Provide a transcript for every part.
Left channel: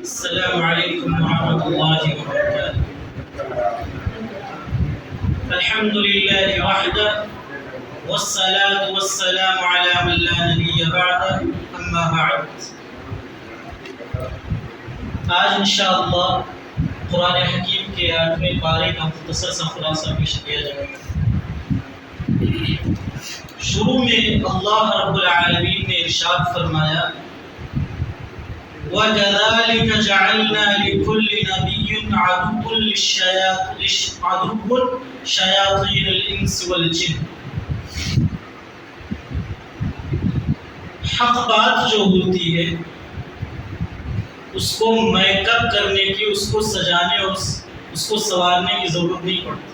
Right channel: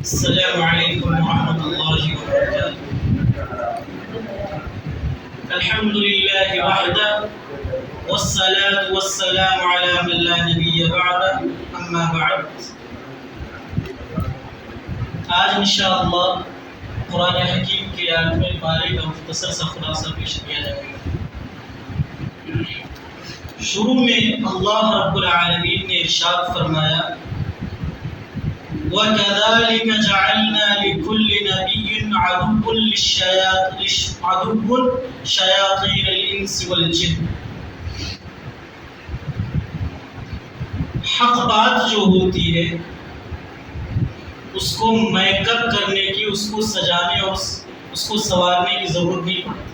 السلام علیکم ورحمۃ اللہ وبرکاتہ۔ الحمد للہ وحدہ والصلاة والسلام علی من لا نبی بعدہ، اما بعد۔ آج انشاءاللہ قرآن حکیم کے 8ویں پارے کا مختصر سا خلاصہ پیش کیا جائے گا۔ شروع میں اللہ رب العالمین نے ارشاد فرمایا، وَكَذَلِكَ جَعَلْنَا لِكُلِّ نَبِيٍّ عَدُوًّا شَيَاطِينَ الْإِنسِ وَالْجِنِّ۔ حق بات جو ہوتی ہے اس کو میک اپ کرنے کی، اس کو سجانے اور اس کو سنوارنے کی ضرورت نہیں پڑتی۔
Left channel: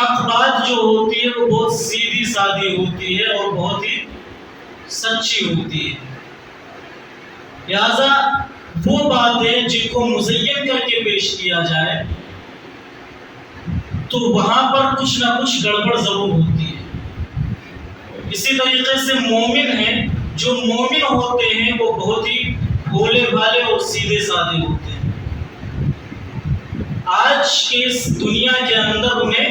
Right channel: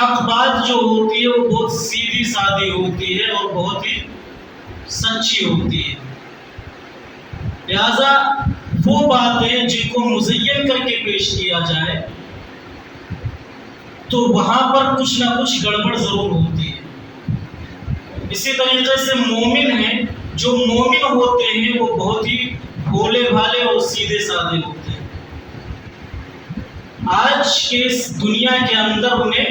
حق بات جو ہوتی ہے وہ بہت سیدھی سادی ہوتی ہے اور بہت ہی سچی ہوتی ہے۔ لہذا وہ باتیں جن کو مزین کر کے پیش کیا جائے تو وہاں پر کچھ نہ کچھ گڑبڑ ضرور ہوتی ہے۔ اسی طریقے سے مومن ہیں، جو مومن ہوتے ہیں وہ بہت ہی بھولے بھالے اور سیدھے سادے ہوتے ہیں۔ آج کے اس دنیا کے اندر انہیں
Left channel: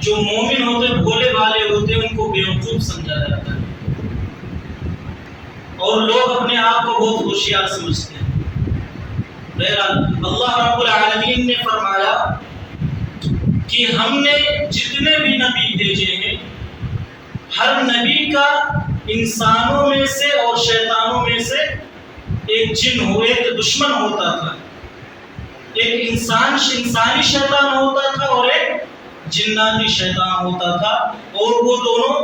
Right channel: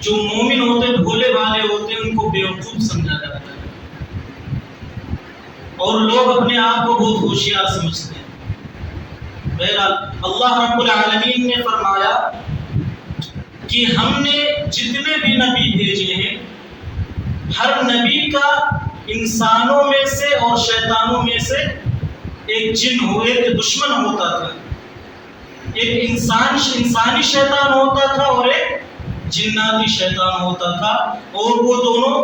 جو مومن ہوتے بھولے بھالے ہوتے ہیں ان کو بیوقوف سمجھا جاتا ہے اور لوگ اپنے آپ کو بہت ہوشیار سمجھتے ہیں۔ بہرحال اللہ رب العالمین نے فرمایا کہ ہم نے جتنے بھی نبی بھیجے ہیں، ہر نبی کا انسانوں میں سے اور شیطانوں میں سے ایک جن ہو، ایک دشمن ہوتا تھا۔ ایک انسانی شیطان ہوتا تھا اور ایک جناتی شیطان ہوتا تھا، اور وہ دونوں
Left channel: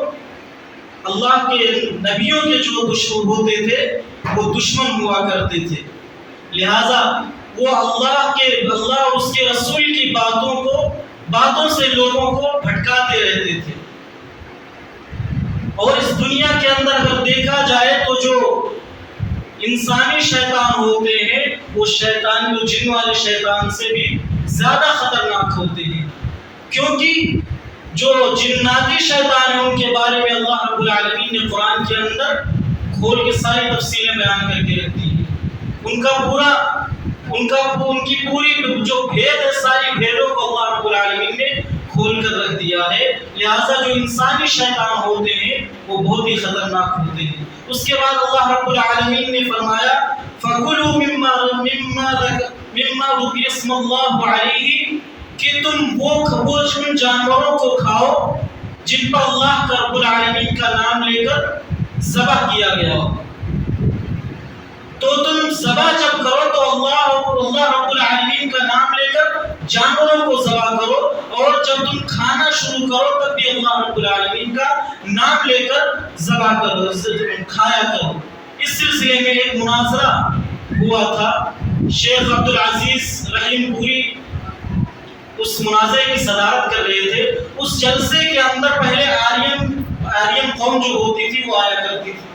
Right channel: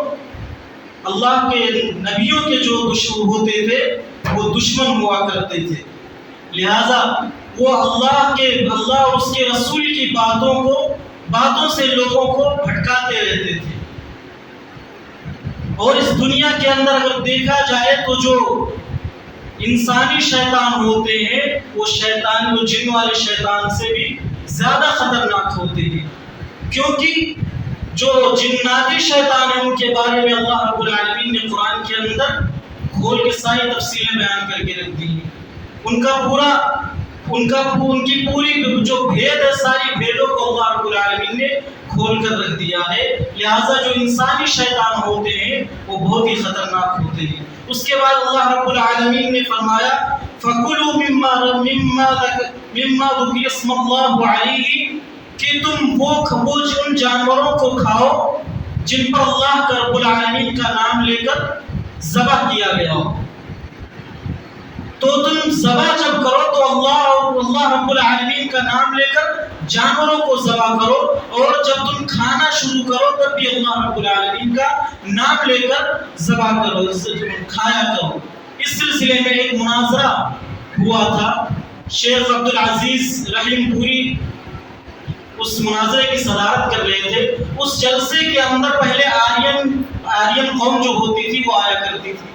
اللہ کے نبیوں کے جو دشمن ہوتے تھے وہ دشمن ہوا کرتے تھے۔ لہذا وہ اللہ اور اس کے رسول کی باتوں سے لوگوں کو بھٹکاتے رہتے تھے۔ اور اس دنیا کے اندر اگر دیکھا جائے تو جو انسانی شیطان ہوتے ہیں وہ جن والے شیطان سے بھی زیادہ خطرناک ہوتے ہیں، کیونکہ جو جناتی شیطان ہیں ان کے بارے میں اللہ رب العالمین نے قرآن کے اندر کھول کے ساری تفصیلیں بیان کر کے رکھ دی ہیں۔ ان کی پوری جو بھید ہے، ساری بھیدوں کو اللہ رب العالمین نے کھول کر رکھ دیا ہے۔ لہٰذا جو انسانی شیطان ہوتے ہیں وہ بہت ہی خطرناک ہوتے ہیں۔ اس کے بعد اللہ رب العالمین نے فرمایا، فَكُلُوا مِمَّا ذُكِرَ اسْمُ اللَّهِ عَلَيْهِ، کہ تم وہ ان جانوروں کو کھاؤ جن پر اللہ کا رب العالمین کا نام لے کر ذبح کیا گیا ہو۔ تو تم ذبح جب کرو تو اللہ رب العالمین کا نام لے کر جانوروں کو ذبح کرو، اور جب تم کھانا شروع کرو تب بھی اللہ رب العالمین کا نام لے کر ذبح کرو، کھایا کرو۔ اس سلسلے میں ایک مناظرہ ہوا تھا، شیخ عبدالعزیز رحیم پوری اس مناظرے کی صدارت کر رہے تھے۔ اس جلسے کے اندر پہلے آرین قوم جو ہوتی تھی وہ آیا کرتی تھی،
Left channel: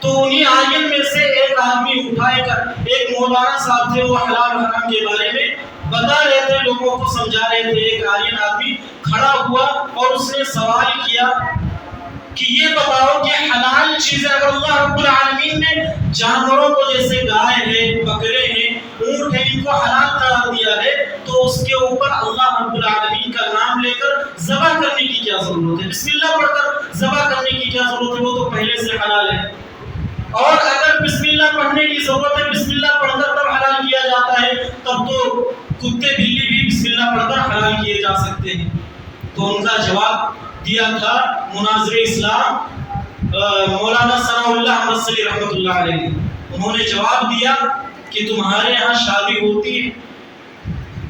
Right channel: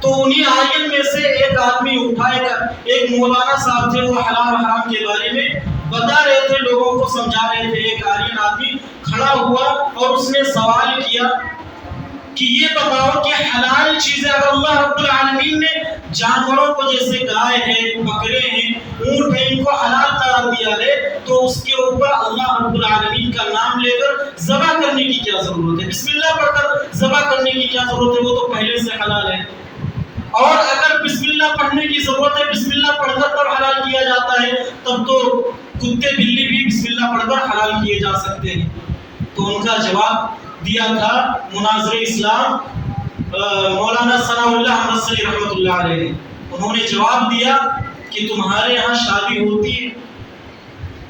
تو انہی آرین میں سے ایک آدمی اٹھائے کر، ایک مولانا صاحب تھے، وہ حلال و حرام کے بارے میں بتا رہے تھے، لوگوں کو سمجھا رہے تھے۔ ایک آرین آدمی کھڑا ہوا اور اس نے سوال کیا کہ یہ بتاؤ کہ حلال چیزیں اگر اللہ رب العالمین نے جانوروں کو، جیسے گائے ہے، بکرے ہیں، اونٹ ہیں، ان کو حلال قرار دیا ہے، تو اس کے اوپر اللہ رب العالمین کا نام لے کر ذبح کرنے کی کیا ضرورت ہے؟ بسم اللہ پڑھ کر ذبح کرنے کی کیا ضرورت ہے؟ وہ تو پہلے سے حلال ہے۔ اور اگر بسم اللہ پڑھنے کی ضرورت ہے، بسم اللہ پڑھ کر تب حلال کیا جاتا ہے، تب تو کتے بلی بھی بسم اللہ پڑھ کر حلال کیے جا سکتے ہیں۔ تو ان کا جواب دیا تھا مناظر اسلام مولانا ثناء اللہ احمد صلی رحمۃ اللہ علیہ۔ انہوں نے جواب دیا کہ تمہارے یہاں شادی ہوتی ہے،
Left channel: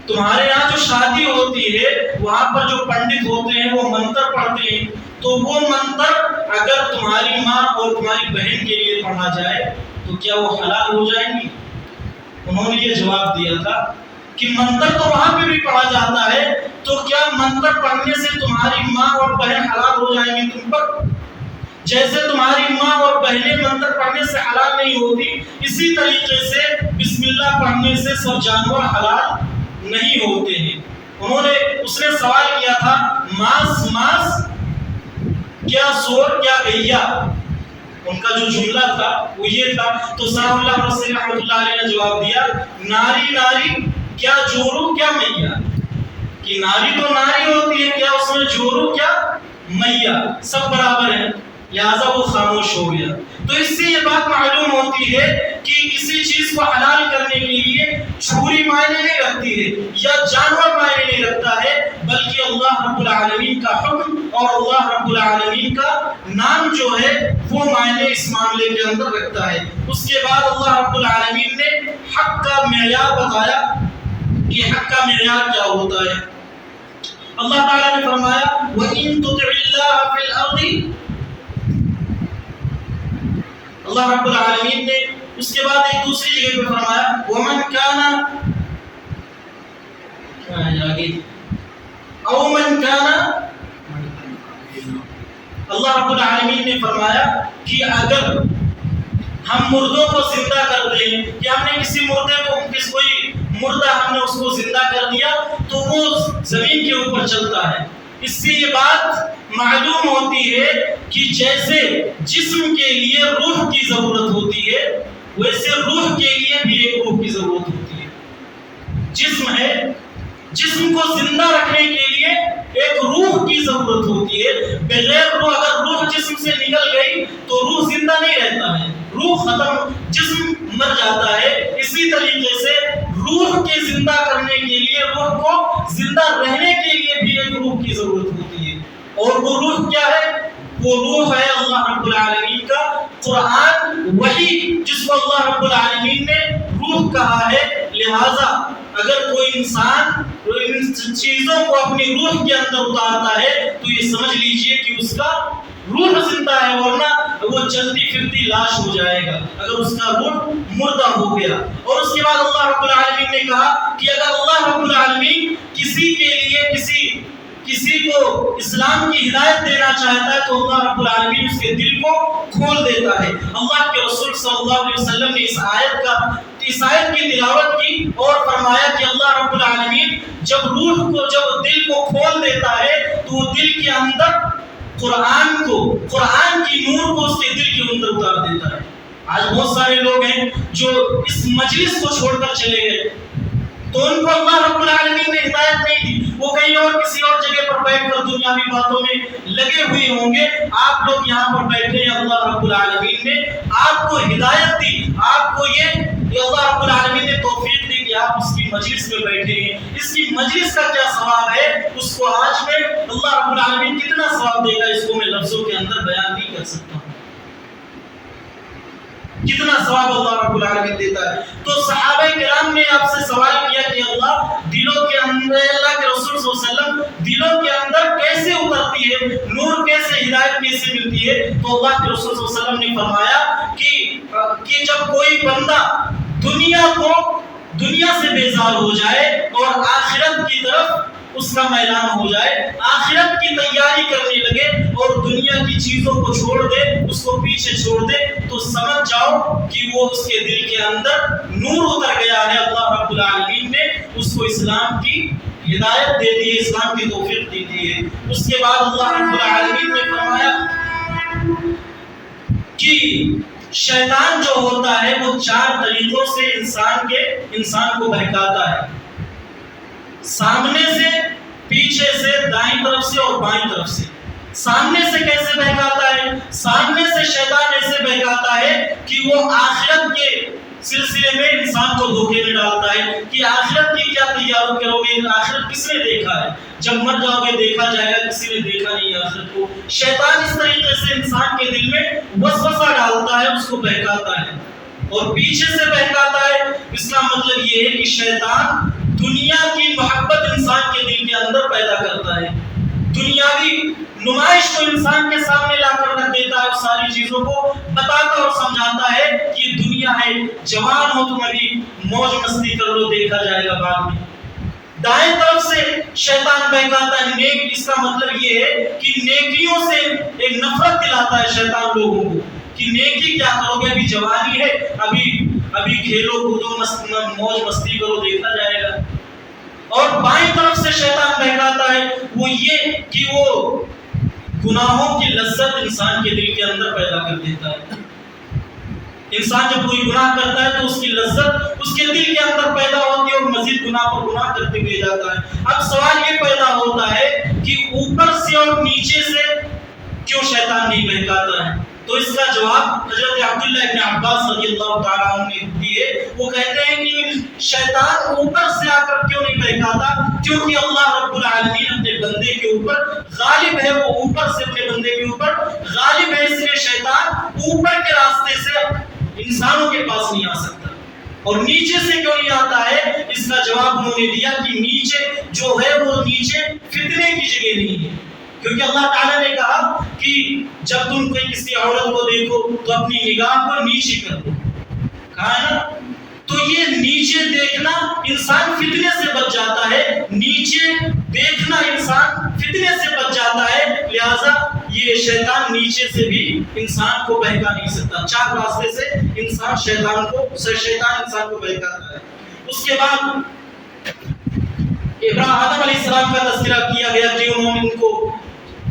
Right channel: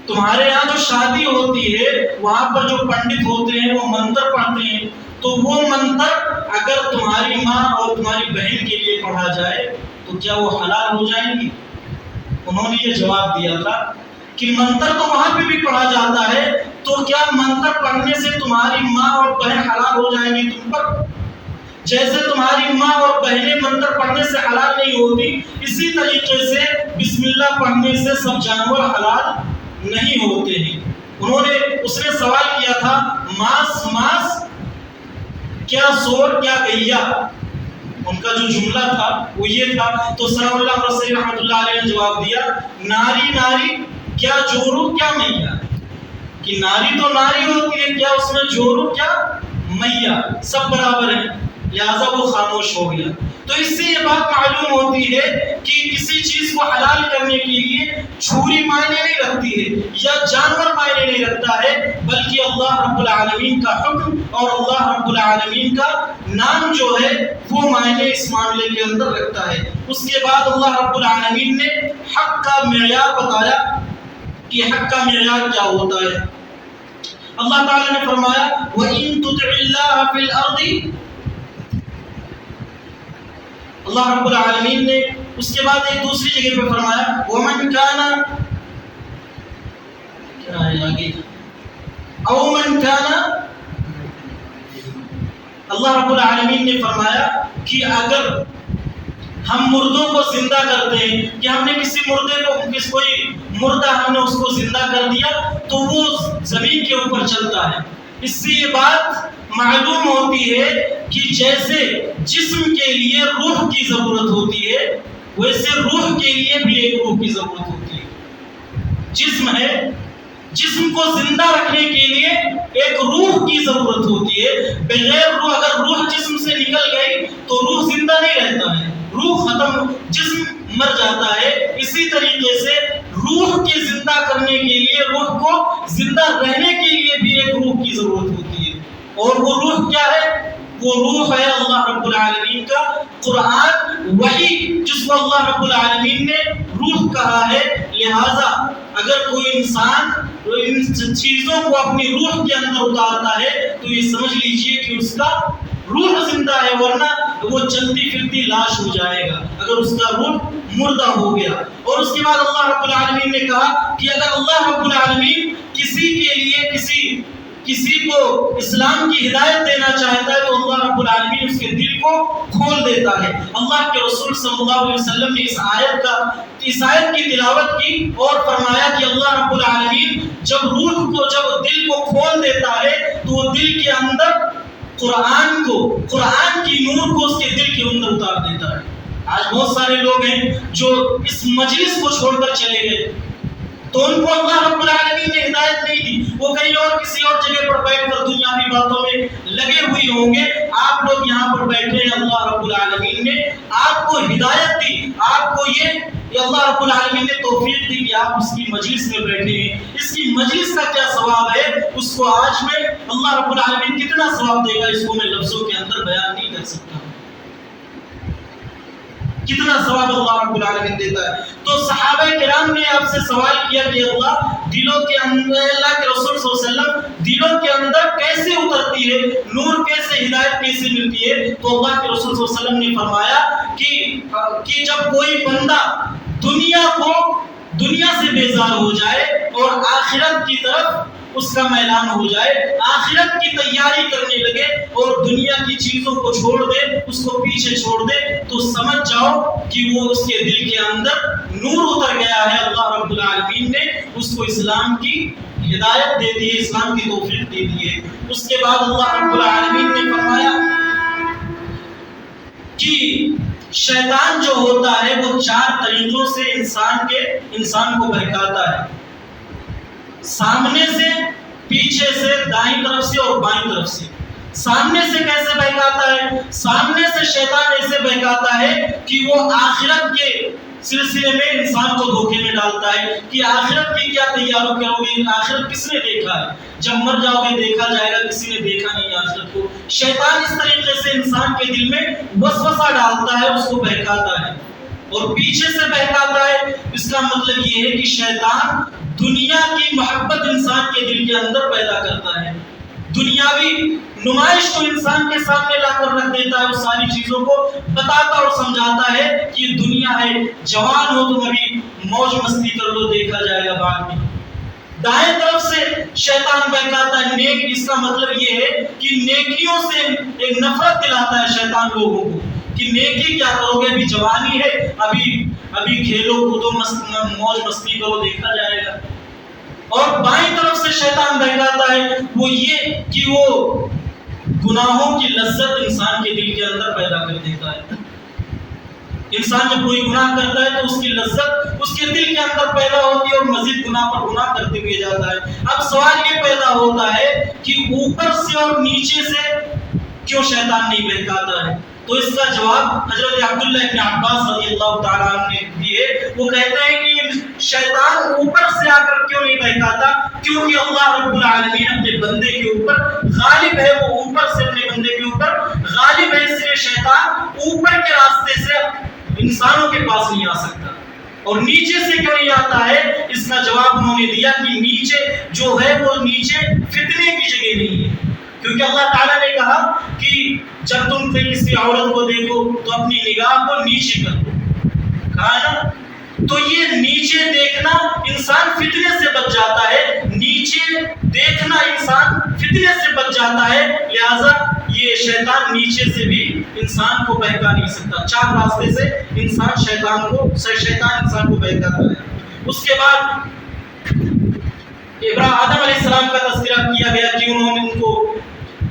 تمہارے یہاں جو شادی ہوتی ہے وہاں پر جو پنڈت ہوتے ہیں وہ منتر پڑھتے ہیں، تو وہ منتر اگر تمہاری ماں اور تمہاری بہن کے لیے پڑھا جائے تو کیا وہ حلال ہو جائیں گی؟ انہوں نے یہ جواب دیا تھا کہ منتر تو وہاں پہ بھی پڑھا جاتا ہے، تو کیا منتر پڑھنے سے تمہاری ماں اور بہن حلال ہو جائیں گی تم پر؟ جیسے تمہاری ماں اور بہنیں منتر پڑھنے سے حلال نہیں ہوتی، اسی طریقے سے بسم اللہ پڑھنے سے سب جانور حلال نہیں ہوتے ہیں۔ اس نے سوال کیا تھا، ماس کیا سور کیا گیا؟ ان کا جو جملہ تھا وہ یہ تھا. تو ثناء اللہ رسول رحمۃ اللہ علیہ نے جواب دیا ناری ناری کیا جورو کیا میاں, کہ ناری تو ناری ہوتی ہے, کیا اس میں جورو کیا میاں, سب برابر ہیں, لہذا وہ خاموش ہو گیا. تو اس سے یہ بات معلوم ہوتی ہے کہ کسی چیز کو حلال کرنے کے لیے چھری معنی نہیں رکھتی ہے یا جانور معنی نہیں رکھتا ہے, بلکہ اللہ رب العالمین کا حکم اور اللہ رب العالمین کا نام جو ہے وہ معنی اس معاملے کے اندر رکھتا ہے. اس کے بعد اللہ رب العالمین نے حق کا معیار بتایا کہ حق کا معیار کیا ہوتا ہے. اللہ تعالیٰ نے فرمایا وَإِن تُطِعِ اللَّهَ فِي الْأَرْضِ, اللہ رب العالمین نے اس کے بعد ایک دوسری جگہ پہ فرمایا وَمَنْ كَانَ کیا ہے آگے اَوْ مَنْ كَانَ, اللہ رب العالمین نے فرمایا کہ اگر ہم مردوں کو زندہ کرتے ہیں کہ ہم نے کسی مردے کو کوئی مردہ ہم نے اس کو زندہ کر دیا تو وہ زمین کے اوپر چلتا ہے. اس سے یہ بات معلوم ہوتی ہے کہ جیسے جسم کے لیے روح کی ضرورت ہوتی ہے ویسے روح کے لیے بھی ایک روح کی ضرورت ہوتی ہے. جسم ہے, جسم کو زندہ رکھنے کے لیے ایک روح کی ضرورت ہوتی ہے. بغیر روح, اگر روح جسم سے نکل گئی تو روح زندہ نہیں رہتا ہے, روح ختم, جسم مر جاتا ہے. اسی طریقے سے روح کے زندہ کرنے کے لیے, روح کو زندہ رہنے کے لیے بھی ایک روح کی ضرورت ہوتی ہے. اور وہ روح کیا ہے؟ وہ روح ہے اللہ رب العالمین کا قرآن, وحی, جس کو اللہ رب العالمین نے روح کہا ہے. لہٰذا اگر کوئی انسان ان چیزوں کو اپنی روح کے اندر اتارتا ہے تو یہ سمجھ لیجئے کہ اس کا روح زندہ ہے, ورنہ وہ چلتی پھرتی لاش ہو جائے گا اگر اس کا روح مردہ ہو گیا. اور اس کے بعد اللہ رب العالمین نے کہا کہ اگر اللہ رب العالمین کسی کے لیے کسی کو اسلام کی ہدایت دینا چاہتا ہے تو اللہ رب العالمین اس کے دل کو کھول دیتا ہے. اللہ کے رسول صلی اللہ علیہ وسلم نے اس آیت کی تلاوت کی اور فرمایا کہ اللہ رب العالمین جب دل کو کھول دیتا ہے تو وہ دل کے اندر قرآن کی نور کو اس کے دل کے اندر اتار دیتا ہے. آج بہت سارے لوگ ہیں جو اس مجلس کو چھوڑ کر چلے گئے تو ان کو اللہ رب العالمین نے ہدایت نہیں دی, وہ کہیں اور کسی اور جگہ پر بیٹھ کر دنیاوی باتوں میں لگے ہوئے ہوں گے. آپ لوگ یہاں پر بیٹھے ہیں, اللہ رب العالمین نے آپ کو ہدایت دی, آپ کو یہ اللہ رب العالمین نے توفیق دی کہ آپ اس کی مجلس میں بیٹھے ہیں. اس کی مجلس کا کیا ثواب ہے اس کو آج میں اللہ رب العالمین کتنا ثواب دے گا اس کو میں لفظوں کے اندر بیان نہیں کر سکتا. کتنا ثواب اللہ رب العالمین دیتا ہے. تو صحابہ کرام نے آپ سے سوال کیا کہ اللہ دلوں کے اندر, اللہ کے رسول صلی اللہ علیہ وسلم دلوں کے اندر کیسے اترتی ہے, نور کیسے, ہدایت کیسے ملتی ہے؟ تو اللہ کے رسول صلی اللہ علیہ وسلم نے فرمایا کہ جب کوئی بندہ دنیا سے بیزار ہو جائے اور آخرت کی طرف اس کا میلان ہو جائے, آخرت کی تیاری کرنے لگے اور دنیا کی چیزوں کو چھوڑ دے, اس کو پیچھے چھوڑ دے, تو سمجھ جاؤ کہ وہ اس کے دل کے اندر نور اتر گیا ہے. اللہ رب العالمین نے اس کو اسلام کی ہدایت دے دی ہے, اسلام کی توفیق دے دی ہے. اس کے بعد اللہ رب العالمین نے فرمایا کہ شیطان جو ہوتا ہے وہ 4 طریقوں سے انسان کو بہکاتا ہے, سامنے سے, پیچھے سے, دائیں طرف سے اور بائیں طرف سے. سامنے سے کیسے بہکاتا ہے؟ سامنے سے شیطان ایسے بہکاتا ہے کہ وہ آخرت کے سلسلے میں انسان کو دھوکے میں ڈالتا ہے کہ آخرت کی کیا تیاری کرو گے, آخرت کس نے دیکھا ہے, جب مر جاؤ گے دیکھا جائے گا, کسی نے دیکھا نہیں آخرت کو. شیطان اس طریقے سے انسان کے دل میں وسوسہ ڈالتا ہے, اس کو بہکاتا ہے. اور پیچھے سے بہکاتا ہے, اس کا مطلب یہ ہے کہ شیطان دنیا کی محبت انسان کے دل کے اندر پیدا کرتا ہے, دنیاوی نمائش کو انسان کے سامنے لا کر رکھ دیتا ہے, اور ساری چیزوں کو بتاتا اور سمجھاتا ہے کہ یہ دنیا ہے, جوان ہو تم ابھی موج مستی کر لو, دیکھا جائے گا بعد میں. دائیں طرف سے شیطان بہکاتا ہے نیک, اس کا مطلب یہ ہے کہ نیکیوں سے ایک نفرت دلاتا ہے شیطان لوگوں کو کہ نیکی کیا کرو گے, ابھی جوانی ہے, ابھی کھیلو کودو, موج مستی کرو, دیکھا جائے گا. اور بائیں طرف سے شیطان بہکاتا ہے وہ یہ کہ وہ گناہوں کی لذت انسان کے دل کے اندر پیدا کر دیتا ہے. انسان جب کوئی گناہ کرتا ہے تو اس کی لذت اس کے دل کے اندر پیدا ہوتی ہے اور مزید گناہ پر گناہ کرتے ہوئے جاتا ہے۔ اب سوال یہ پیدا ہوتا ہے کہ اوپر سے اور نیچے سے کیوں شیطان نہیں بہکاتا ہے؟ تو اس کا جواب حضرت عبداللہ ابن عباس رضی اللہ تعالیٰ عنہ نے دیے۔ وہ کہتے ہیں کہ شیطان اوپر سے آ کر کیوں نہیں بہکاتا؟ کیونکہ اللہ رب العالمین اپنے بندے کے اوپر غالب ہے، وہ اوپر سے اپنے بندے کے اوپر غالب ہے، اس لیے شیطان اوپر کے راستے سے انسانوں کے پاس نہیں آ سکتا۔ اور نیچے سے کیوں نہیں آتا ہے؟ اس کا جواب انہوں نے دیا کہ نیچے جو ہے وہ نیچے فتنے کی جگہ نہیں ہے، کیونکہ اللہ تعالیٰ نے کہا کہ جب تم کسی عورت کو دیکھو تو اپنی نگاہ کو نیچے کر دو، کہا ہے نا؟ تو یہ نیچے دیکھنا انسان فتنے سے بچ جاتا ہے، نیچے دیکھنا انسان فتنے سے بچ جاتا ہے، لہذا یہ شیطان نیچے سے بھی انسان کو بہکا نہیں سکتا۔ 4 راستے سے شیطان انسان کو بہکاتا ہے۔ اس کے بعد آدم علیہ السلام کا تذکرہ کیا گیا کہ انہوں نے ان کو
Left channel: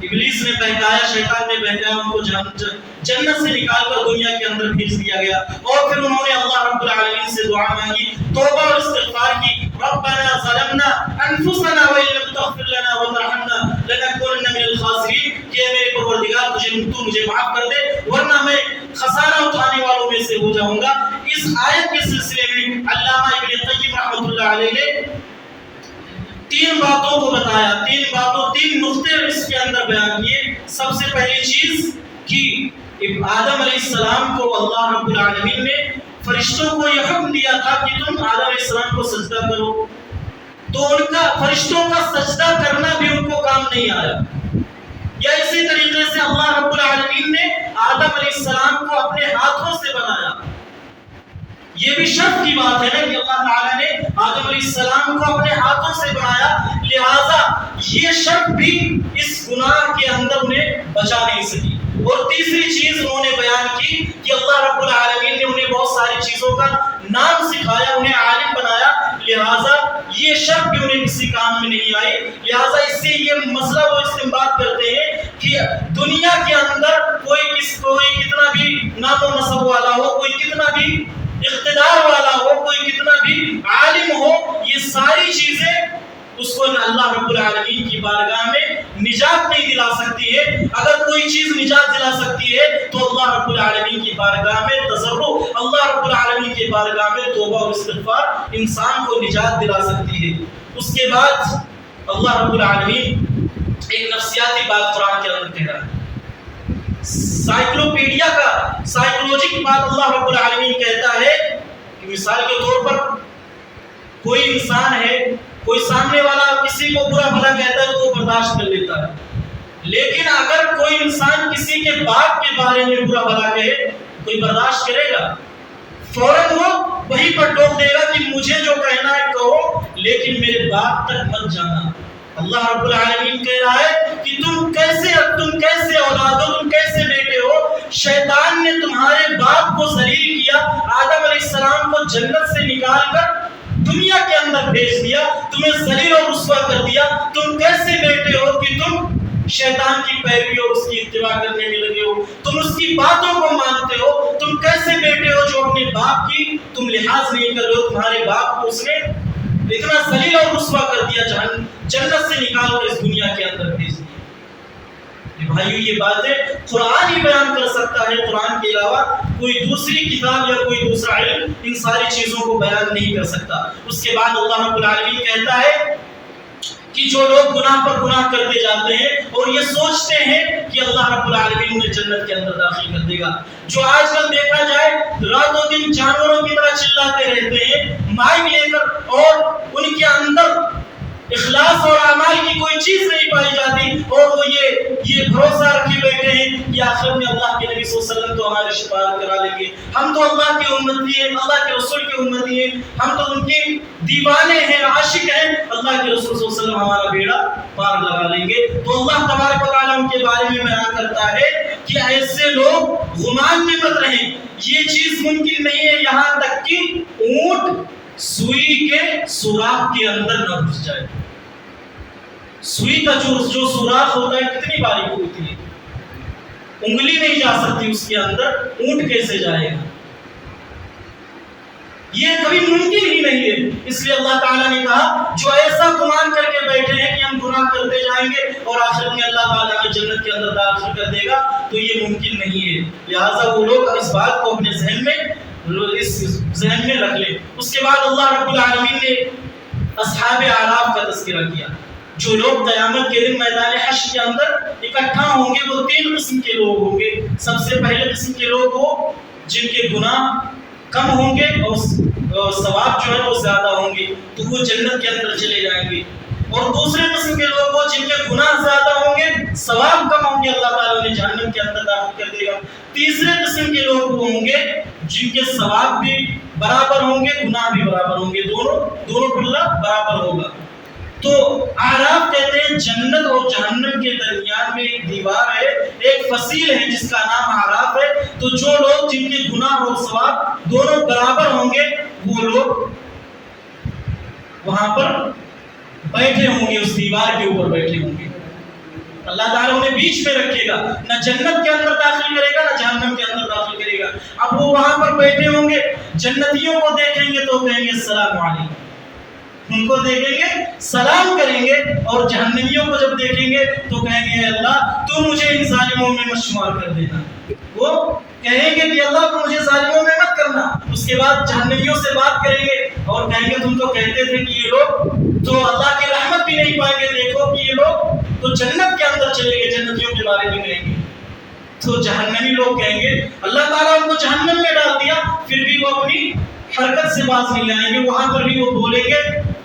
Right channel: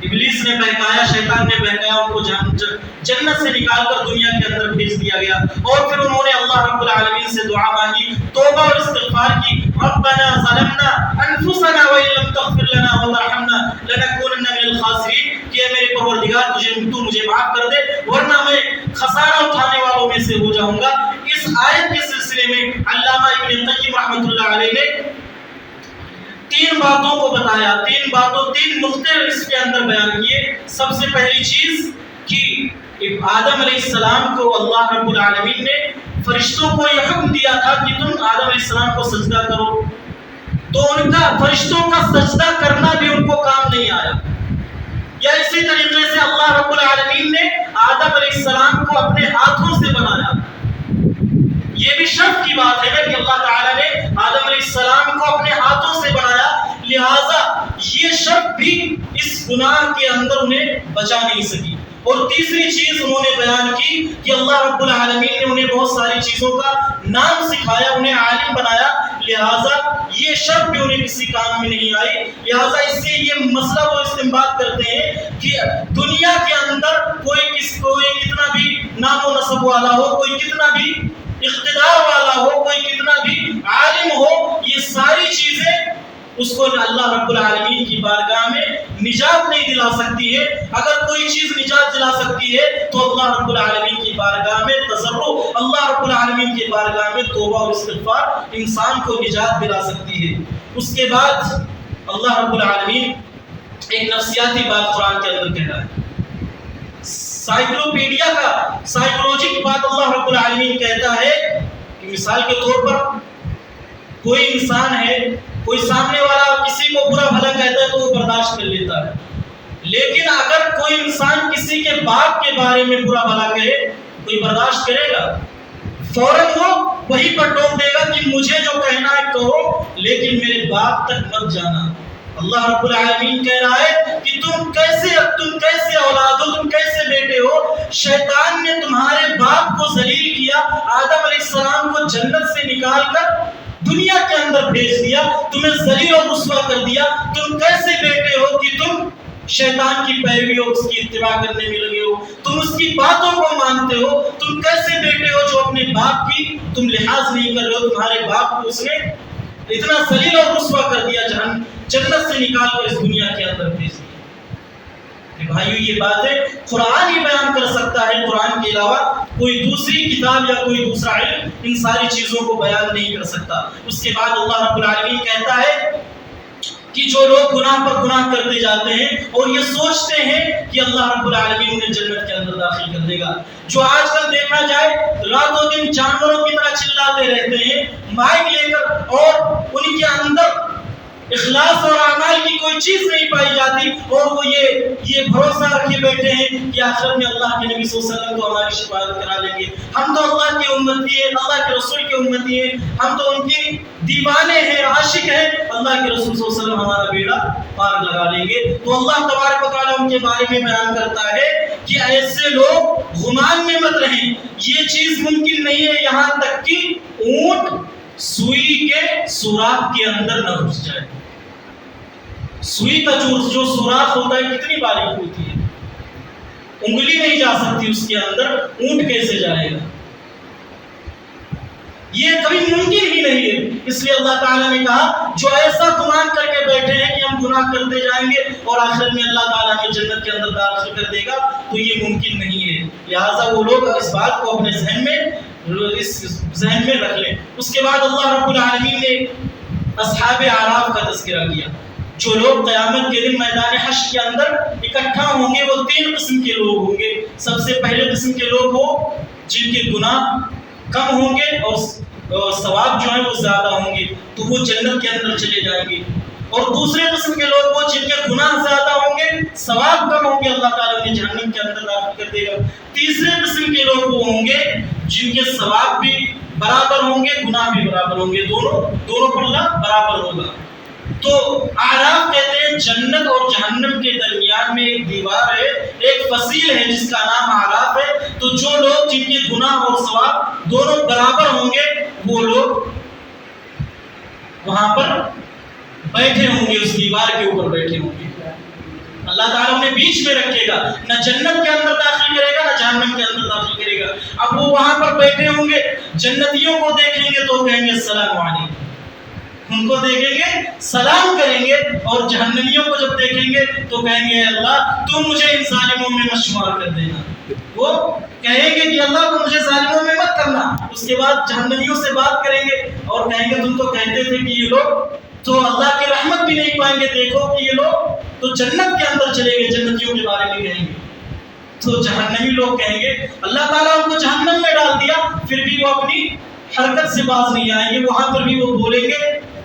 ابلیس نے بہکایا، شیطان نے بہکایا، ان کو جنت سے نکال کر دنیا کے اندر بھیج دیا گیا، اور پھر انہوں نے اللہ رب العالمین سے دعا مانگی، توبہ اور استغفار کی، ربنا ظلمنا انفسنا وان لم تغفر لنا وترحمنا لنكونن من الخاسرین، کہ میرے پروردگار تو مجھے معاف کر دے ورنہ میں خسارہ اٹھانے والوں میں سے ہو جاؤں گا۔ اس آیت کے سلسلے میں علامہ ابن قیم رحمۃ اللہ علیہ نے 3 باتوں کو بتایا، 3 نقطے اس کے اندر بیان کیے۔ سب سے پہلی چیز کہ آدم علیہ السلام کو اللہ رب العالمین نے فرشتوں کو یہ حکم دیا تھا کہ تم آدم علیہ السلام کو سجدہ کرو، تو ان کا فرشتوں کا سجدہ کرنا بھی ان کو کام نہیں آیا۔ یا اسی طریقے سے اللہ رب العالمین نے آدم علیہ السلام کو اپنے ہاتھوں سے بنایا، یہ بھی شرف کی بات ہے کہ اللہ تعالیٰ نے آدم علیہ السلام کو اپنے ہاتھوں سے بنایا، لہٰذا یہ شرف بھی اس گناہ کے اندر انہیں بچا نہیں سکی۔ اور تیسری چیز انہوں نے بیان کی کہ اللہ رب العالمین نے انہیں بہت ساری چیزوں کا نام سکھایا، انہیں عالم بنایا، لہٰذا یہ شرف بھی انہیں کسی کام میں نہیں آئی۔ لہٰذا اس سے یہ مسئلہ وہ استنباط کرتے ہیں کہ دنیا کے اندر کوئی کتنا بھی نام و نسب والا ہو، کوئی کتنا بھی اقتدار والا ہو، کوئی کتنا بھی عالم ہو، یہ ساری چیزیں اس کو اللہ رب العالمین کی بارگاہ میں نجات نہیں دلا سکتی ہے۔ اگر کوئی چیز نجات دلا سکتی ہے تو اللہ رب العالمین کی بارگاہ میں تضرع، اللہ رب العالمین کی بارگاہ میں توبہ اور استغفار انسان کو نجات دلا سکتی ہے۔ اس کے بعد اللہ رب العالمین ایک نفسیاتی بات قرآن کے اندر کہہ رہا ہے، سائیکولوجی کی بات اللہ رب العالمین کہتا ہے کہ مثال کے طور پر کوئی انسان ہے، کوئی سامنے والا کسی کو برا بھلا کہتا ہے تو وہ برداشت کر لیتا ہے، لیکن اگر کوئی انسان کسی کے باپ کے بارے میں برا بھلا کہے کوئی برداشت کرے گا؟ فوراً وہ وہیں پر ٹوک دے گا کہ مجھے جو کہنا ہے کہو لیکن میرے باپ تک مت جانا۔ اللہ رب العالمین کہہ رہا ہے کہ تم کیسے اولاد ہو، تم کیسے بیٹے ہو؟ شیطان نے تمہارے باپ کو ذلیل کیا، آدم علیہ السلام کو جنت سے نکال کر دنیا کے اندر بھیج دیا، تمہیں ذلیل اور رسوا کر دیا، تم کیسے بیٹے ہو کہ تم شیطان کی پیروی اور اس کی اتباع کرنے میں لگے ہو، تم اس کی باتوں کو مانتے ہو، تم کیسے بیٹے ہو جو اپنے باپ کی تم لحاظ نہیں کر رہے ہو؟ تمہارے باپ کو اس نے اتنا ذلیل اور رسوا کر دیا، جنت سے نکال کر اس دنیا کے اندر بھیج دیا۔ بھائیو یہ باتیں قرآن ہی بیان کر سکتا ہے، قرآن کے علاوہ کوئی دوسری کتاب یا کوئی دوسرا علم ان ساری چیزوں کو بیان نہیں کر سکتا۔ اس کے بعد اللہ رب العالمین کہتا ہے کہ جو لوگ گناہ پر گناہ کرتے جاتے ہیں اور یہ سوچتے ہیں کہ اللہ رب العالمین انہیں جنت کے اندر داخل کر دے گا، جو آج کل دیکھا جائے رات و دن جانوروں کی طرح چلاتے رہتے ہیں مائک لے کر، اور ان کے اندر اخلاص اور اعمال کی کوئی چیز نہیں پائی جاتی، اور وہ یہ بھروسہ رکھے بیٹھے ہیں کہ آخرت میں اللہ کے نبی صلی اللہ علیہ وسلم تو ہماری شفاعت کرا لیں گے، ہم تو اللہ کی امتی ہیں، اللہ کے رسول کی امتی ہیں، ہم تو ان کے دیوانے ہیں، عاشق ہیں، اللہ کے رسول صلی اللہ علیہ وسلم ہمارا بیڑا پار لگا لیں گے۔ تو اللہ تبارک و تعالیٰ ان کے بارے میں بیان کرتا ہے کہ ایسے لوگ غمان میں مت رہیں، یہ چیز ممکن نہیں ہے یہاں تک کہ اونٹ سوئی کے سوراخ کے اندر نہ گھس جائے۔ سوئی کا جو سوراخ ہوتا ہے کتنی باریک ہوتی ہے، انگلی نہیں جا سکتی اس کے اندر، اونٹ کیسے جائے گا؟ یہ کبھی ممکن ہی نہیں ہے. اس لیے اللہ تعالیٰ نے کہا جو ایسا گمان کر کے بیٹھے ہیں کہ ہم گناہ کرتے جائیں گے اور آخر میں اللہ تعالیٰ نے جنت کے اندر داخل کر دے گا، تو یہ ممکن نہیں ہے. لہٰذا وہ لوگ اس بات کو اپنے ذہن میں رکھ لیں. اس کے بعد اللہ رب العالمین نے اصحاب اعراف کا تذکرہ کیا. جو لوگ قیامت کے دن میدان حشر کے اندر اکٹھا ہوں گے وہ 3 قسم کے لوگ ہوں گے. سب سے پہلے قسم کے لوگ وہ جن کے گناہ کم ہوں گے اور ثواب جو ہے وہ زیادہ ہوں گے، تو وہ جنت کے اندر چلے جائیں گے. اور دوسرے قسم کے لوگ وہ جن کے گناہ زیادہ ہوں گے، ثواب کم ہوں گے، اللہ تعالیٰ انہیں جہنم کے اندر داخل کر دے گا. تیسرے قسم کے لوگ وہ ہوں گے جن کے ثواب بھی برابر ہوں گے، گناہ بھی برابر ہوں گے، دونوں پلہ برابر ہوگا. تو اعراف کہتے ہیں جنت اور جہنم کے درمیان میں ایک دیوار ہے، ایک فصیل ہے جس کا نام اعراف ہے. تو جو لوگ جن کے گناہ اور ثواب دونوں برابر ہوں گے وہ لوگ وہاں پر بیٹھے ہوں گے، اس دیوار کے اوپر بیٹھے ہوں گے. اللہ تعالیٰ انہیں بیچ میں رکھے گا، نہ جنت کے اندر داخل کرے گا نہ جہنم کے اندر داخل کرے گا. اب وہ وہاں پر بیٹھے ہوں گے، جنتیوں کو دیکھیں گے تو کہیں گے السلام علیکم، ان کو دیکھیں گے سلام کریں گے، اور جہنمیوں کو جب دیکھیں گے تو کہیں گے اللہ تو مجھے ان ظالموں میں مت شمار کر دینا. وہ کہیں گے کہ اللہ تو مجھے ظالموں میں مت کرنا. اس کے بعد جہنمیوں سے بات کریں گے اور کہیں گے تم تو کہتے تھے کہ یہ لوگ تو اللہ کی رحمت بھی نہیں پائیں گے، دیکھو کہ یہ لوگ تو جنت کے اندر چلے گئے. جنتیوں کے بارے میں کہیں گے تو جہنمی لوگ کہیں گے اللہ تعالیٰ ان کو جہنم میں ڈال دیا، پھر بھی وہ اپنی حرکت سے باز نہیں آئیں گے. وہاں پر بھی وہ بولیں گے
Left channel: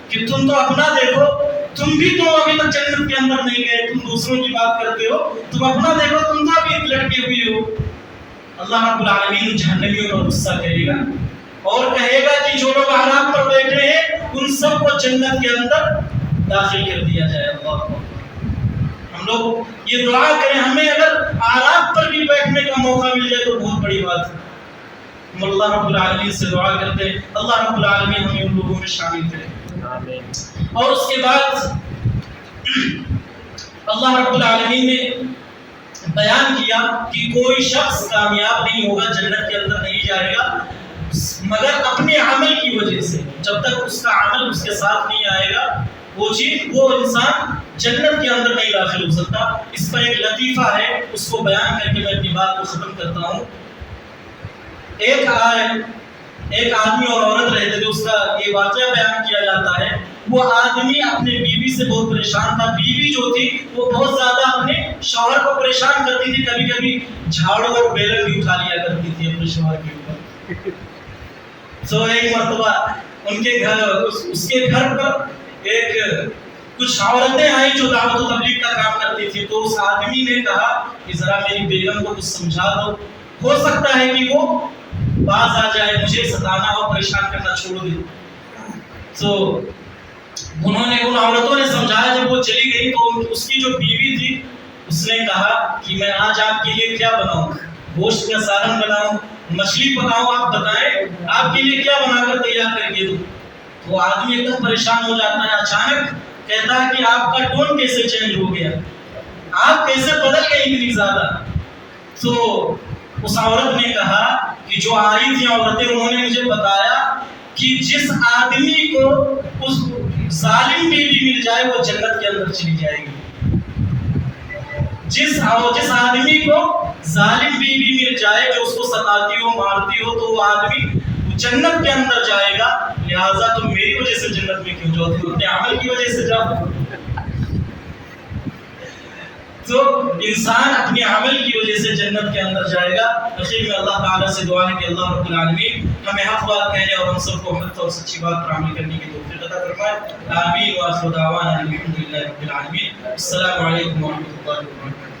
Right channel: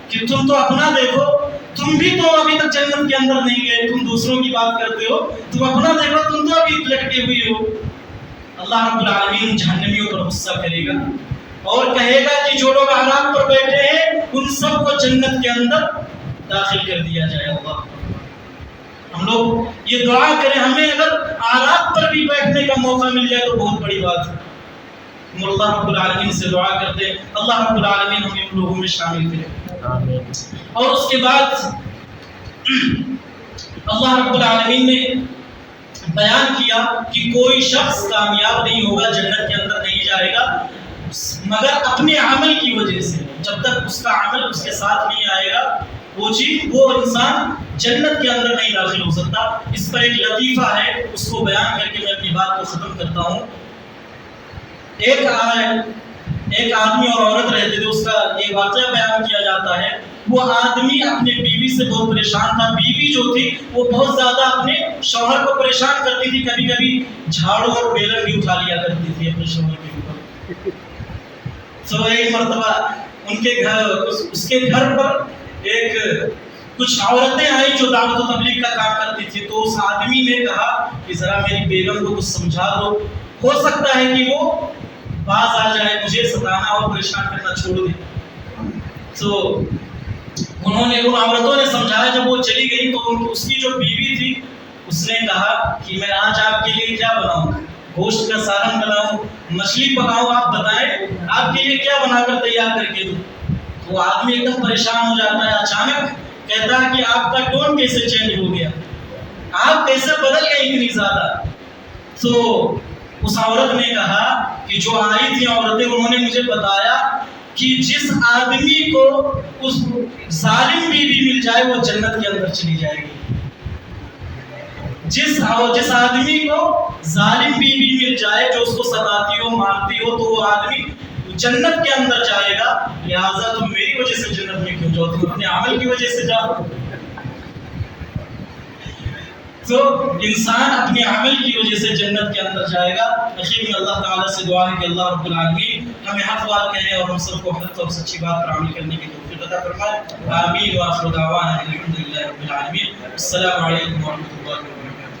کہ تم تو اپنا دیکھو، تم بھی تو ابھی تک جنت کے اندر نہیں گئے، تم دوسروں کی بات کرتے ہو، تم اپنا دیکھو، تم تو ابھی لٹکے ہوئے ہو. اللہ رب العالمین جہنمیوں پر غصہ کرے گا اور کہے گا کہ جو لوگ اعراف پر بیٹھے ہیں ان سب کو جنت کے اندر داخل کر دیا جائے. اللہ ہم لوگ یہ دعا کریں، ہمیں اگر اعراف پر بھی بیٹھنے کا موقع مل جائے تو بہت بڑی بات ہے. ہم اللہ رب العالمین سے دعا کرتے ہیں اللہ رب العالمین ہمیں ان لوگوں میں شامل کرے. آمین. اور اس کے بعد اللہ رب العالمین نے بیان کیا کہ کوئی شخص کامیاب نہیں ہوگا، جنت کے اندر نہیں جائے گا مگر اپنے عمل کی وجہ سے. جب تک اس کا عمل اس کے ساتھ نہیں آئے گا وہ انسان جنت کے اندر نہیں داخل ہو سکتا. اس پر ایک لطیفہ ہے، اس کو بیان کر کے میں اپنی بات کو ختم کرتا ہوں. ایک آدمی اور عورت رہتے تھے، اس کا یہ واقعہ بیان کیا جاتا ہے. وہ آدمی اپنے بیوی سے بہت پریشان تھا. بیوی جو تھی وہ بہت زیادہ اپنے شوہر کو پریشان کرتی تھی، کبھی کبھی جھاڑو اور بیلن بھی اٹھا لیا کرتی تھی اپنے شوہر کے اوپر. تو ایک مرتبہ اس کے گھر پر کچھ عورتیں آئیں جو دعوت و تبلیغ کا کام کرتی تھی. تو اس آدمی نے کہا کہ ذرا میری بیگم کو کچھ سمجھا دو، ہو سکتا ہے کہ وہ باز آ جائے، مجھے ستانا اور پریشان کرنا چھوڑ دے. تو انہوں نے ان عورتوں نے سمجھایا. جب وہ چلی گئی تو اس کی جو بیوی تھی اس نے کہا کہ میں آج آپ کے لیے کیا بناؤں، گوشت کا سالن بناؤں، مچھلی پکاؤں، آپ بتائیں آپ کے لیے کیا بنا کر تیار کر کے دوں. وہ آدمی ایک دم پریشان ہو جاتا ہے. اچانک کہتا ہے کہ آپ کا ٹون کیسے چینج ہو گیا، آپ کیسے بدل گئے اتنی زیادہ. تو اس عورت نے کہا کہ جو آئی تھی عورتیں انہوں نے مجھے بتایا کہ جس آدمی کو اس ظالم بیوی مل جائے وہ جنت کے اندر چلی جائے گی. جس آدمی کو ظالم بیوی مل جائے جو اس کو ستاتی ہو مارتی ہو تو وہ آدمی جنت کے اندر جائے گا. لہٰذا تم میری وجہ سے جنت میں کیوں جاؤ، تم اپنے عمل کی وجہ سے جاؤ. تو انسان اپنے عمل کی وجہ سے جنت کے اندر جائے گا. اخیر میں اللہ تعالیٰ سے دعا ہے کہ اللہ رب العالمین ہمیں حق بات کہنے اور ہم سب کو حق اور سچی بات پر عمل کرنے کی توفیق عطا فرمائے. آمین. وآخر دعوانا الحمد للہ رب العالمین. السلام علیکم ورحمۃ اللہ وبرکاتہ.